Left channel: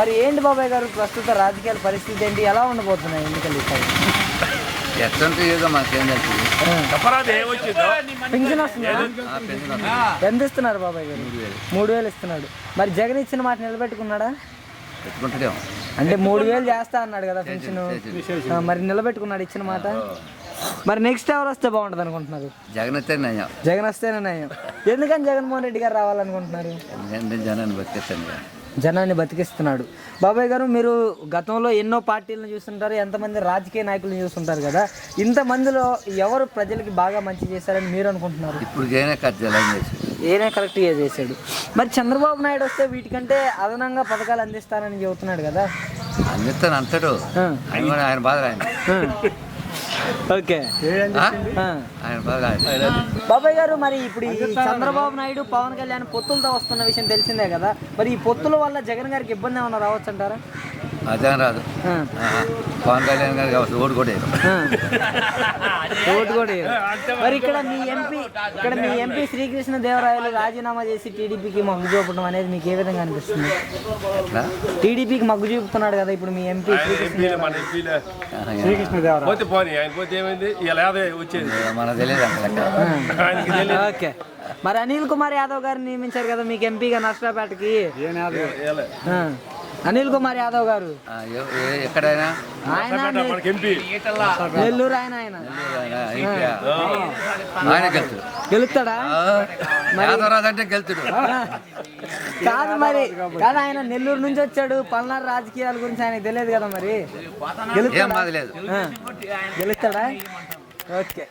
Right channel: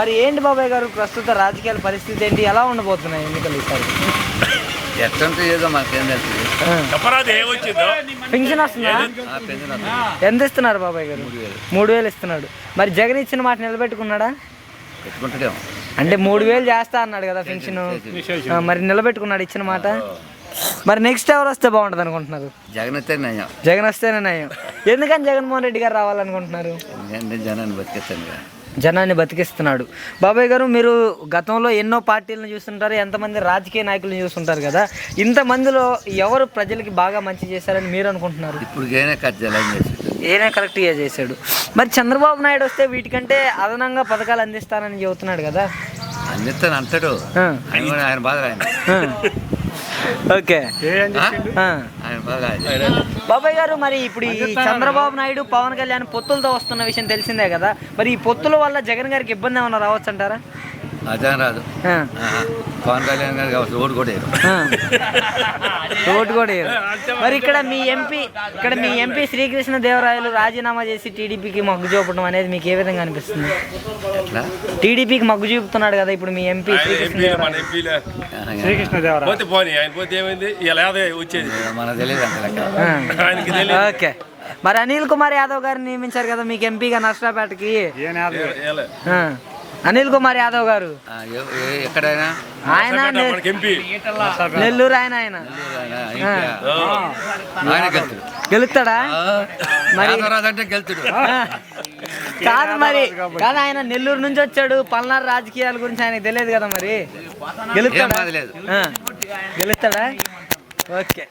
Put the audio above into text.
మరి ఏంటి బాబాయ్ గారు ప్రస్తుత రాజకీయాల పరిస్థితి ఏంటి, ఎలా ఉండబోతున్నాయి ఎన్నికలు ఈసారి? పెన్షన్ వస్తుందా? ఎంత ఇస్తున్నారు బాబాయ్ గారు? 3,000 ఇస్తున్నాడు. మరి జగన్ ఇచ్చిన మాట నిలబెట్టుకున్నాడా? అంటే 3,000 చేస్తా అన్నాడు కదా పెన్షన్, మరి నిలబెట్టుకున్నాడు ఇచ్చిన మాట? మరి నెక్స్ట్ ఎవరు వస్తే బాగుంటుంది అనుకుంటున్నారు? జగన్ వస్తే నయం. జగన్ వస్తేనే నయం. ఎందుకని జగన్మోహన్ రెడ్డి గారు రావాలనుకుంటున్నారు? జనాన్ని బతికిస్తాను, జనాన్ని బతికిస్తున్నాడు. బాబాయ్ గారు, మీరు గతంలో ఎన్నో పార్టీలను చూస్తుంటారు, ఎంతమంది రాజకీయ నాయకులను చూస్తుంటారు కదా, ఇంతమందిలో ఎవరు ప్రజలకి బాగా మంచి చేశారని మీరు అనుకుంటున్నారు? ఇప్పుడు ఏనే కరెక్ట్గా చేశాడు. మరి చంద్రబాబు నాయుడు వస్తే వీటికంటే అదనంగా పథకాలు అందిస్తానని చెబుతున్నాడు కదా. అందిస్తాను అంటాడు, ఆయన బాధ ఆయన. ఓకే బాబాయ్ గారు, మరి ఇప్పుడు ఈ చంద్రబాబు నాయుడు పవన్ కళ్యాణ్ పొత్తులతో వస్తున్న విషయం తెలిసిందే కదా, మరి ఈ పొత్తుల వల్ల జగన్ గారికి ఇబ్బంది ఏమన్నా రావచ్చు అంటారా? అదేం రాదు. పవన్ కళ్యాణ్ గారికి ఓటు కూడా ఓటు కూడా. మరి ఇక్కడ మీ ఎంపీ శ్రీకృష్ణ దేవరాయలు రాజీనామా చేసి టీడీపీకి మొగ్గు చూపడం అనేది మీకు ఏ విధంగా అనిపిస్తుంది? టీడీపీకి మొగ్గు చూపుతున్నాడు కదా ఇప్పుడు మీ ఎంపీ శ్రీకృష్ణ దేవరాయలు. ఓకే, మరి అనిల్ కుమార్ యాదవ్ గారిని నియమించారు కదా మీకు ఎంపీగా నర్సరాపేటకి. అనిల్ కుమార్ యాదవ్ గారు ఎక్కడైనా ఆయన నెల్లూరు, ఆయన గెలుస్తాడా? అంటే గెలుతాడు కాదు, మరి కాదు, ఆయన నెల్లూరు నుంచి వచ్చాడు, పల్నాడు రాజకీయాల గురించి ఆయనకు తెలియదు కదా, మరి గెలుస్తాడా? ఓకే.